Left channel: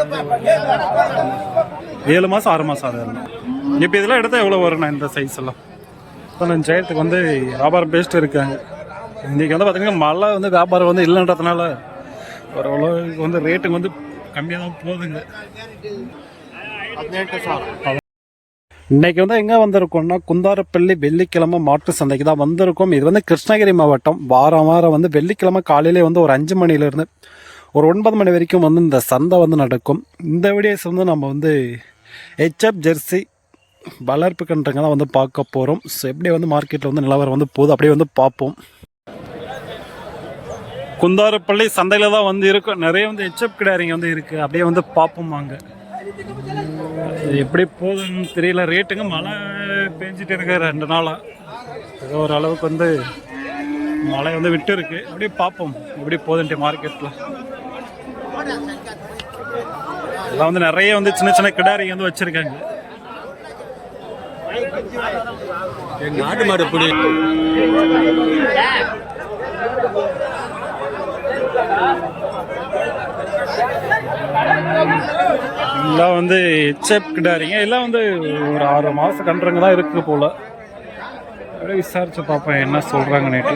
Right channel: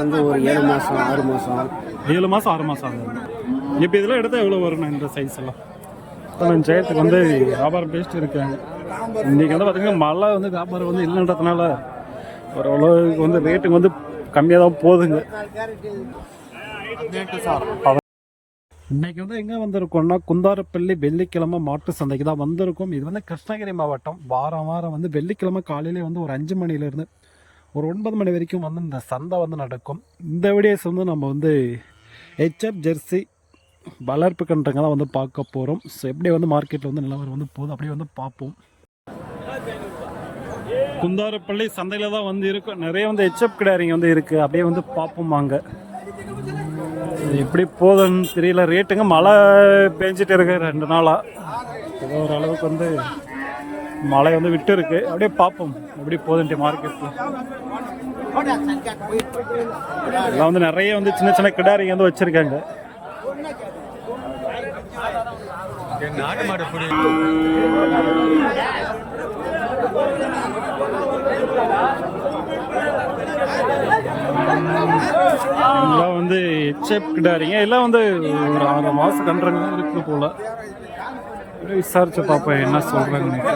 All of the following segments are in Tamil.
வந்து ஒரு 7 மாதம் 6 மாதம் 7 மாதம் 6 மாதம் ஆகுது. இப்போ இதெல்லாம் எடுத்தால் எவ்வளோ வரும்ண்ணா இந்த சைஸ் எல்லாம்? 15,000 வந்து வியாபாரம் பேசிட்டு இருக்காங்க. இன்றைக்கி வந்து பார்த்திங்கன்னா மழை வந்து வியாபாரம் வந்து இல்லைன்றதுனால ஓரளவுக்கு வந்து ரேட்டுக்கு வந்து கம்மியாக தான் போகுதுங்க. இன்றைக்கி வந்து எங்கே வந்திருக்கோம்னா குந்தாரப்பள்ளி வெள்ளிக்கிழமை மாட்டு சந்தைக்கு தான் வந்திருக்கோம். இது வந்து கிருஷ்ணகிரி மாவட்டம். வாரம் வந்து வெள்ளிக்கிழமை காலையிலே வந்து ஒரு 5 மணிலேருந்து ஒரு 9 மணி வரைக்கும் வந்து இந்த சந்தை வந்து நடக்கும். இந்த வீடியோஸ் வந்து நம்ம வந்து ஹெச்எப் ஜெர்சி வளர்ப்பு கன்றுங்க தான் வந்து பார்க்க போகிறோம். ஸோ எப்படி வந்து மார்க்கெட்டில் வந்து நிலவரம் வந்து போகுது அப்படியே வந்து பார்ப்போம். குந்தாரப்பள்ளி சந்தையில் தான் வந்து இருக்கும். நிறைய வந்து ஹெச்எப் கிடாரிங்க வந்து இருக்குது. அப்படியே வந்து பார்ப்போம் வாங்க. எப்படி போகுதுன்னு தெரியல. ரேட்டுங்க மழை பெஞ்சிட்டு இருக்கு 2 நாளாக. ஏதோ ஒரு அளவுக்கு வந்து மழை வந்து விட்டு இருக்கு. அப்படியே பார்ப்போம் எப்படி போகுதுன்ட்டு மார்க்கெட்டில். எல்லாம் வந்து நிறைய வந்து சின்ன சின்ன கிடாரிங்க வந்து வச்சுருக்காங்க. நாட்டு மாடு புடி எல்லாம் வந்து ஹெச்எப் கிடாரிங்க. எல்லாம் வந்து ஒரு 6 மாதம் கன்றுங்க தான் இருக்குது போல். அப்படியே விசாரித்து பார்ப்பேன் என்ன சொல்கிறாங்கன்னுட்டு.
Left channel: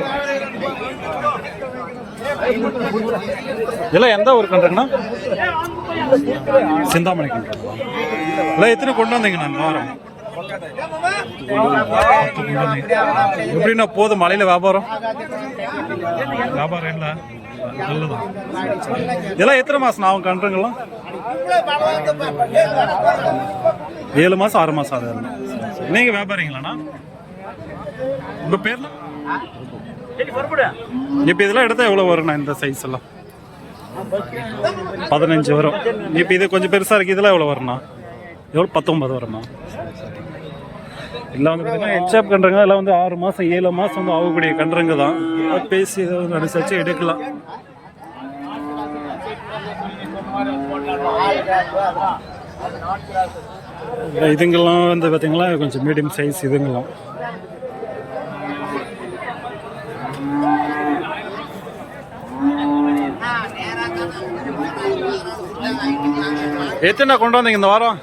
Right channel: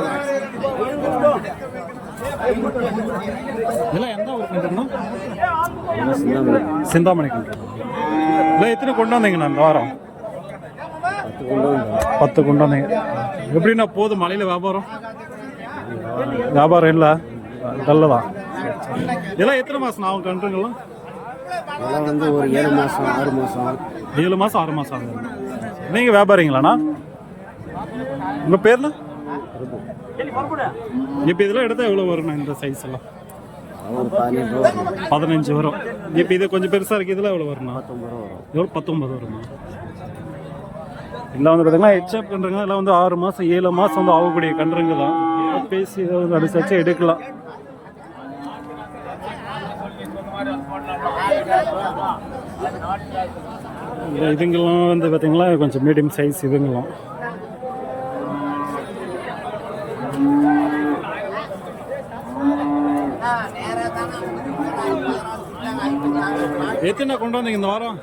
இதெல்லாம் எந்த ஒரு கன்றுங்கண்ணா? சிந்தாமணி கன்றுங்களா? எல்லாம் எத்தனை கொண்டு வந்தீங்கண்ணா இந்த வாரம்? 10 கொண்டு வந்தீங்க. எப்படின்னா போதும் மழையில் வியாபாரம் இல்லை நல்லதான். இதெல்லாம் எத்தனை மாதம் ஆகும் கன்றுங்கள்லாம்? வந்து ஒரு 7 மாதம் 6 மாதம் 7 மாதம் 6 மாதம் ஆகுது. நீங்கள் வியாபாரிங்களாண்ணா? உங்கள் பேரில்? இப்போ இதெல்லாம் எடுத்தால் எவ்வளோ வரும்ண்ணா இந்த சைஸ் எல்லாம்? 15 வரும். இப்போ இது கொஞ்சம் பெருசாக இருக்குது. இதெல்லாம் எவ்வளோ வரும்ண்ணா? எவ்வளோ? 19 வருமா? எல்லாம் வந்து பார்த்தீங்கன்னா ஹெச்எப் கன்றுங்க. எல்லாம் வந்து 6 மாதம் 7 மாதம் வந்து ஆகக்கூடிய கன்றுங்க தான். பேசி ஏதாவது அனுசரிச்சு எடுக்கலாம். இதுங்கெல்லாம் வந்து பார்த்தீங்களா கொஞ்சம் மீடியம் சைஸ் இதுங்கெல்லாம். எத்தனை கொண்டு வந்தீங்க இந்த வாரம்?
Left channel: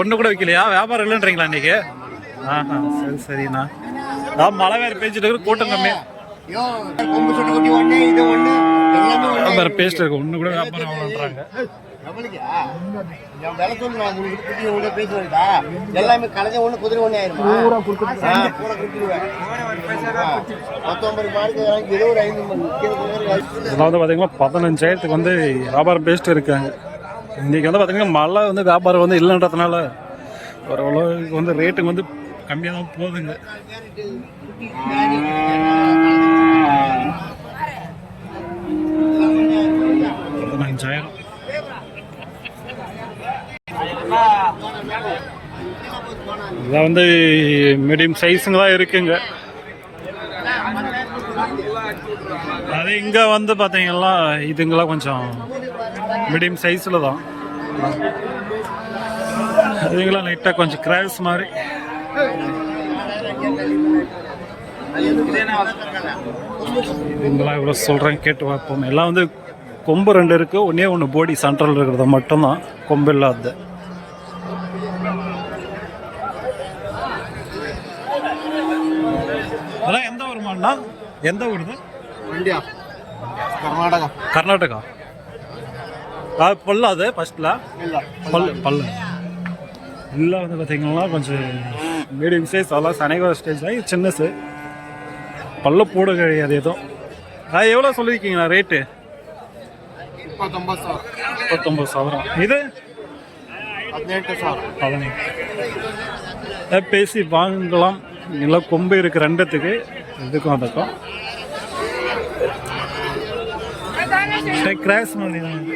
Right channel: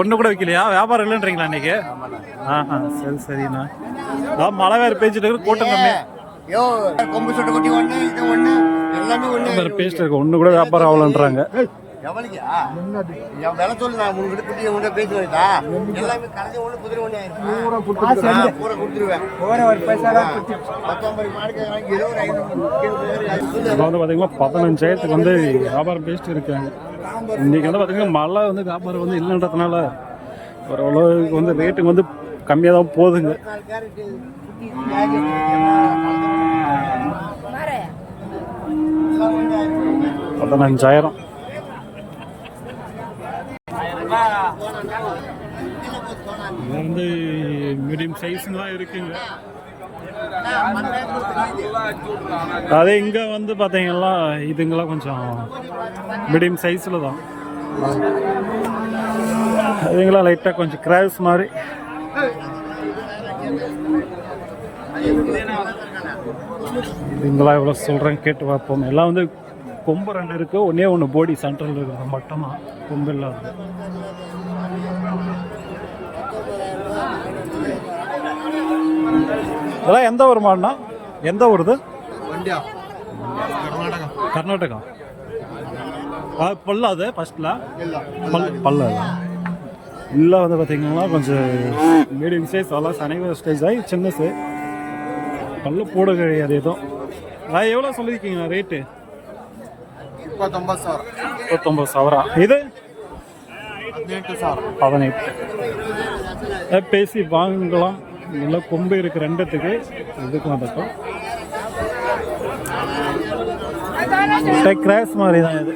1 கூட வைக்கலையா? வியாபாரம் இல்லைன்றீங்களா இன்னைக்கு? சரி சரிண்ணா. மழை வேறு பேஞ்சிட்டு இருக்கு, கூட்டம் கம்மி. பேசிட்டு இருக்கு, 1 கூட வியாபாரம் ஆகலன்றாங்க. வந்து பாத்தீங்கன்னா 15,000 வந்து வியாபாரம் பேசிட்டு இருக்காங்க. இன்னைக்கு வந்து பாத்தீங்கன்னா மழை வந்து வியாபாரம் வந்து இல்லைன்றதுனால ஓரளவுக்கு வந்து ரேட்டுக்கு வந்து கம்மியாக தான் போகுதுங்க. 15,000. இதான் வந்து மீடியம் சைஸுங்க தான் இருக்குங்க. அது இங்கே வந்து பார்த்தீங்கன்னா இதுங்கெல்லாம் கொஞ்சம் மீடியம் சைஸில் தான். இதுங்கெல்லாம் லைட்டாக கொஞ்சம் கிராஸ் மாதிரி. இதுங்கெல்லாம் எவ்வளோ சொல்கிறேன் கேட்டு பார்ப்போம். எல்லாம் வந்து கொம்பு 2 இருக்குது. ஒன்று போடி சென்ட்ரல் இருக்கிறது மட்டும்தான் கொம்பு இல்லாது. இதெல்லாம் எந்த ஊர் மாடுனா? எந்த ஊருது? கர்நாடகா. பல்லு அது ஃபர்ஸ்ட்ல பல்லு இல்லை வந்து பார்த்தீங்கன்னா கொஞ்சம் மீடியம் சைஸ். அதெல்லாம் சனைகோர ஸ்டேஜ் ஆகி சின்னசு பல்லு போட கிடையாது எதுவும். எவ்வளோ சொல்லியிருக்கீங்களா ரேட்டு? 29,000. இது 18. பேசி வாங்கலாம். இல்லை கொம்பு இருக்கு 2த்துக்கு, இதுக்கும் அதுக்கும். கிராஸ் மாதிரி தான் இது.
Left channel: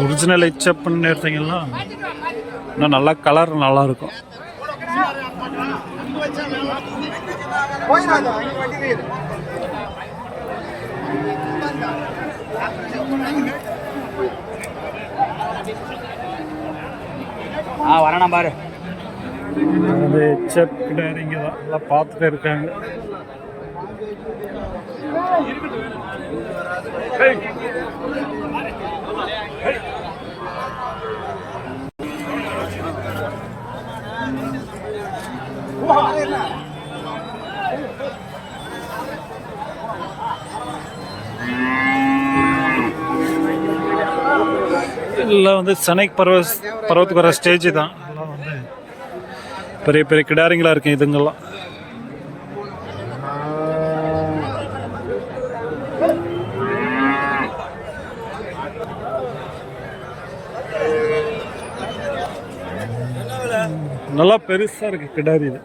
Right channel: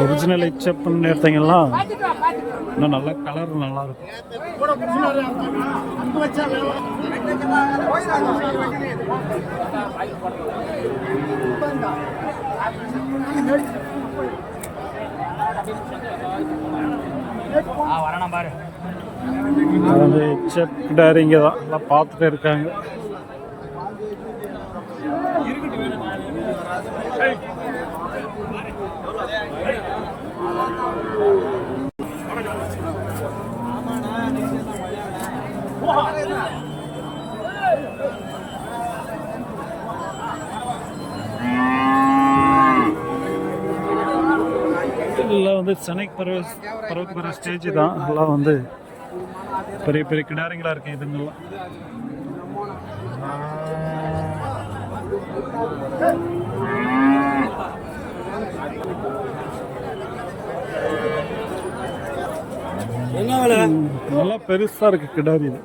ஒரிஜினல் ஹெச்எப்னு எடுத்தீங்கன்னா இன்னும் நல்லா கலர் நல்லா இருக்கும். வரணும் பாரு. ஹெச்எப் கிடாரிங்க தான் எல்லாம் பார்த்துட்டு இருக்காங்க. எல்லாம் வந்து சென்னைக்கு பருவத்துக்கு வர ஸ்டேஜ் தான். எல்லாம் வந்து பெரிய பெரிய கிடாரிங்களா இருக்கு இதுங்கெல்லாம். நல்லா பெருசா இருக்கு கிடாரி. இது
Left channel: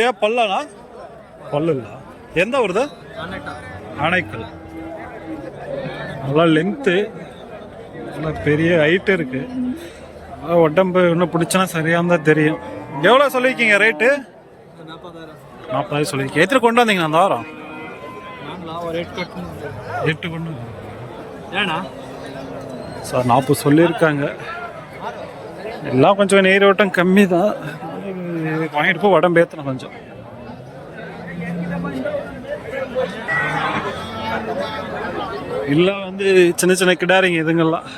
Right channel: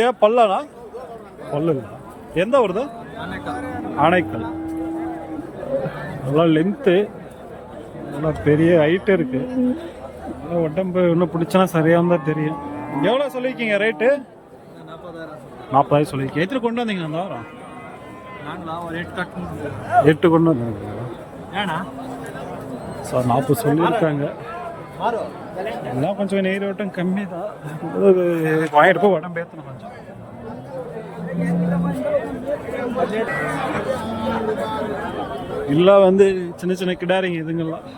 ஏன் பல்லனா? பல்லு இல்ல. எந்த வருது? ஆனைக்கல். நல்லா லென்த்து, நல்லா பெரிய ஹைட்டு இருக்கு. உடம்பு இன்னும் பிடிச்சனா சரியாக தான் தெரியும். எவ்வளோ சொல்லியிருக்கீங்க ரேட்டு? 40,000 சொல்லியிருக்கீங்க. எத்தனை கொண்டு வந்தீங்க அந்த வாரம்? 8 கொண்டு வந்தீங்க. ஏண்ணா சார் 40 சொல்லியிருக்காங்க. எல்லாம் கொஞ்சம் நீரோட்டம் கம்மி தான். வாங்கிட்டு போய் உடம்பு ஏற்றணும் கொஞ்சம். இல்லை வந்து சின்ன சின்ன கிடாரிங்க இதுங்கெல்லாம்.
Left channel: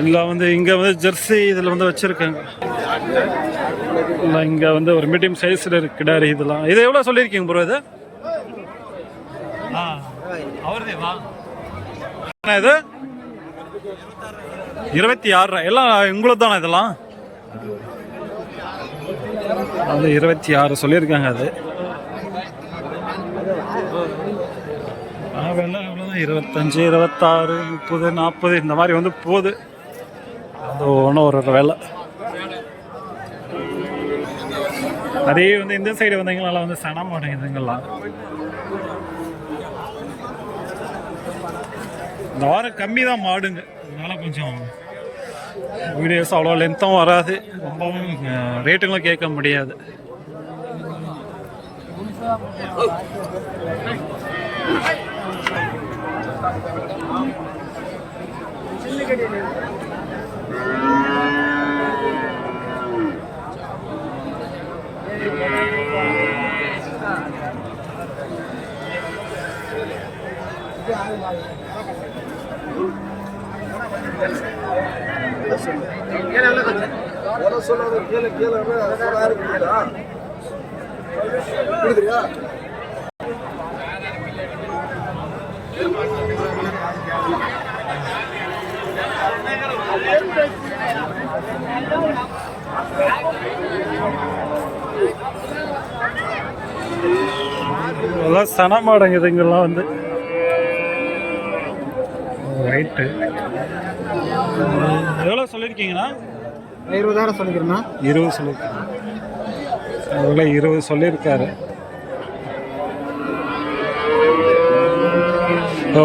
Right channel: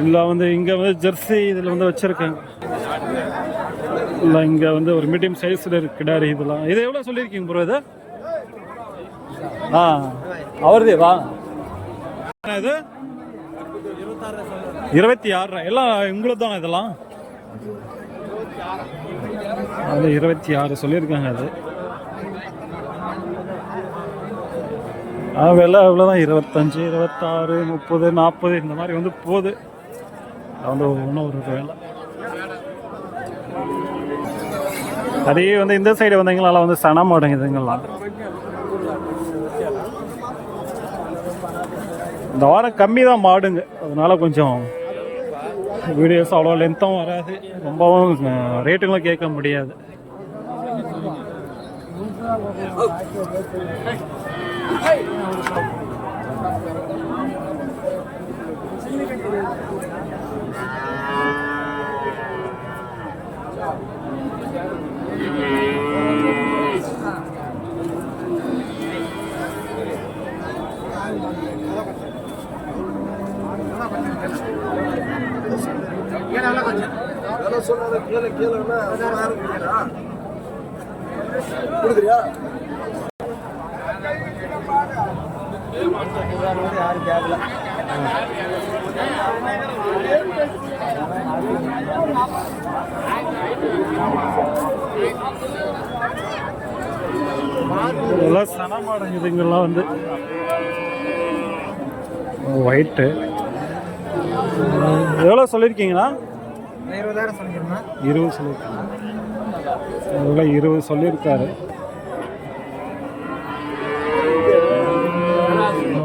எல்லாம் வந்து இங்கே வந்து ஜெர்சி இதில் வந்து வச்சுருக்காங்க. இல்லை இங்கே வந்து ஒரு மீடியம் சைஸில் இருக்கு கிடாரி இதெல்லாம். இது எவ்வளோ சொல்லியிருக்கீங்க ப்ரோ இது? அவருதே வா. இது 26. எல்லாம் உங்களுக்கு தானே இதெல்லாம்? அது 26 சொல்லியிருக்காங்க. அது விலை இவ்வளோதான். 25, 26, 30, 40 இந்த மாதிரி வந்து போகுது. வந்து ஒன்றும் ஒரு விலை. அதே வந்து இந்த சைடு வந்தீங்களால வந்து சன மாடுங்குதுங்கெல்லாம். இந்த வாரம் கம்மி தான் மாடுங்க. அதனால கொஞ்சம் வீடியோஸ் அவ்வளோ லென்த்தும் வராது. ரொம்பவும் ரேட்டுங்களும் கேட்க முடியாது. இதெல்லாம் சன மாடங்குதுங்கெல்லாம் வந்து ஒயிட்டு. எவ்வளோ சொல்லியிருக்கீங்கண்ணா? 20,000 சொல்லிக்கிறேண்ணா. 20 சொல்லியிருக்கீங்க. அதெல்லாம் 20 சொல்லியிருக்காரு. ஓ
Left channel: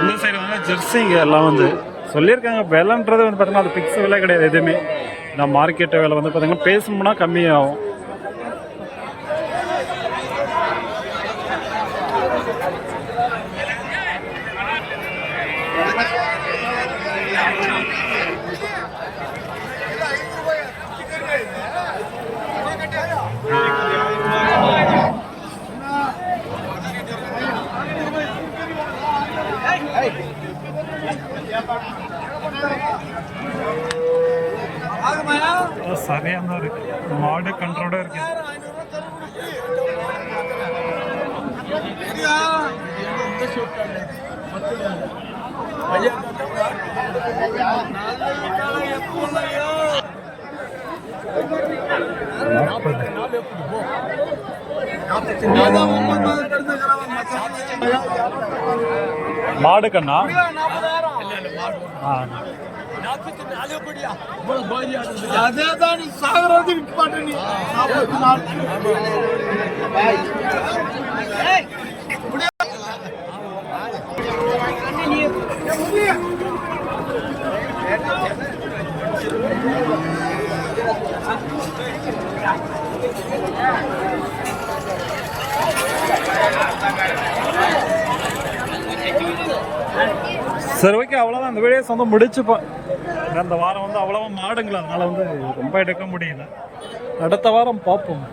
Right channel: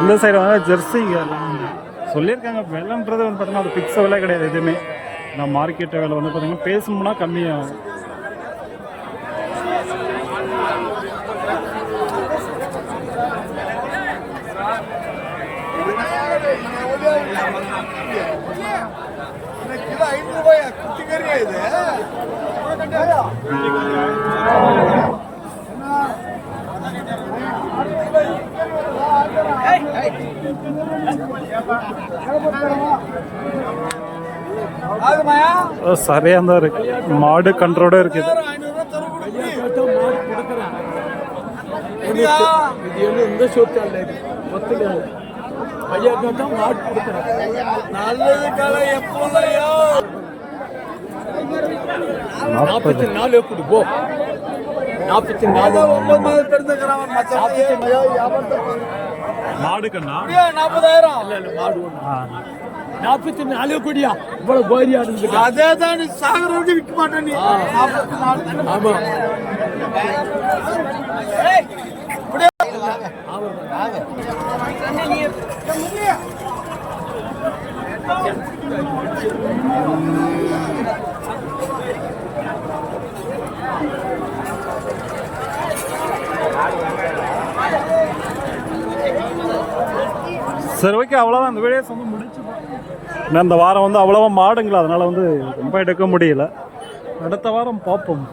இந்த சைடு வந்து ஜெர்சிங்க எல்லாம் வந்து சொல்லியிருக்காங்க. விலைன்றது வந்து பார்த்தீங்கன்னா அது ஃபிக்ஸ் விலை கிடையாது எதுவுமே. நான் மார்க்கெட்டு விலை வந்து பார்த்தீங்கன்னா பேசணும்னா கம்மியாகும். சரியா தான் இருக்கு. மாடு கன்றோட இருக்குது. மாடு கண்ணா 44 கோடியா? இவ்வளவு கோரியா? அதே தான் சாகரது விற்க மாட்டேன். சரி ஓகே, அவ்வளோதான் இந்த வீடியோஸ் வந்து முடிச்சுப்போம். ஏன்னா இந்த வாரம் வந்து அவ்வளோவா மாடுங்களா, அதனால் வந்து ரொம்ப எடுக்க முடியல. அடுத்த வாரம் பார்ப்போம்.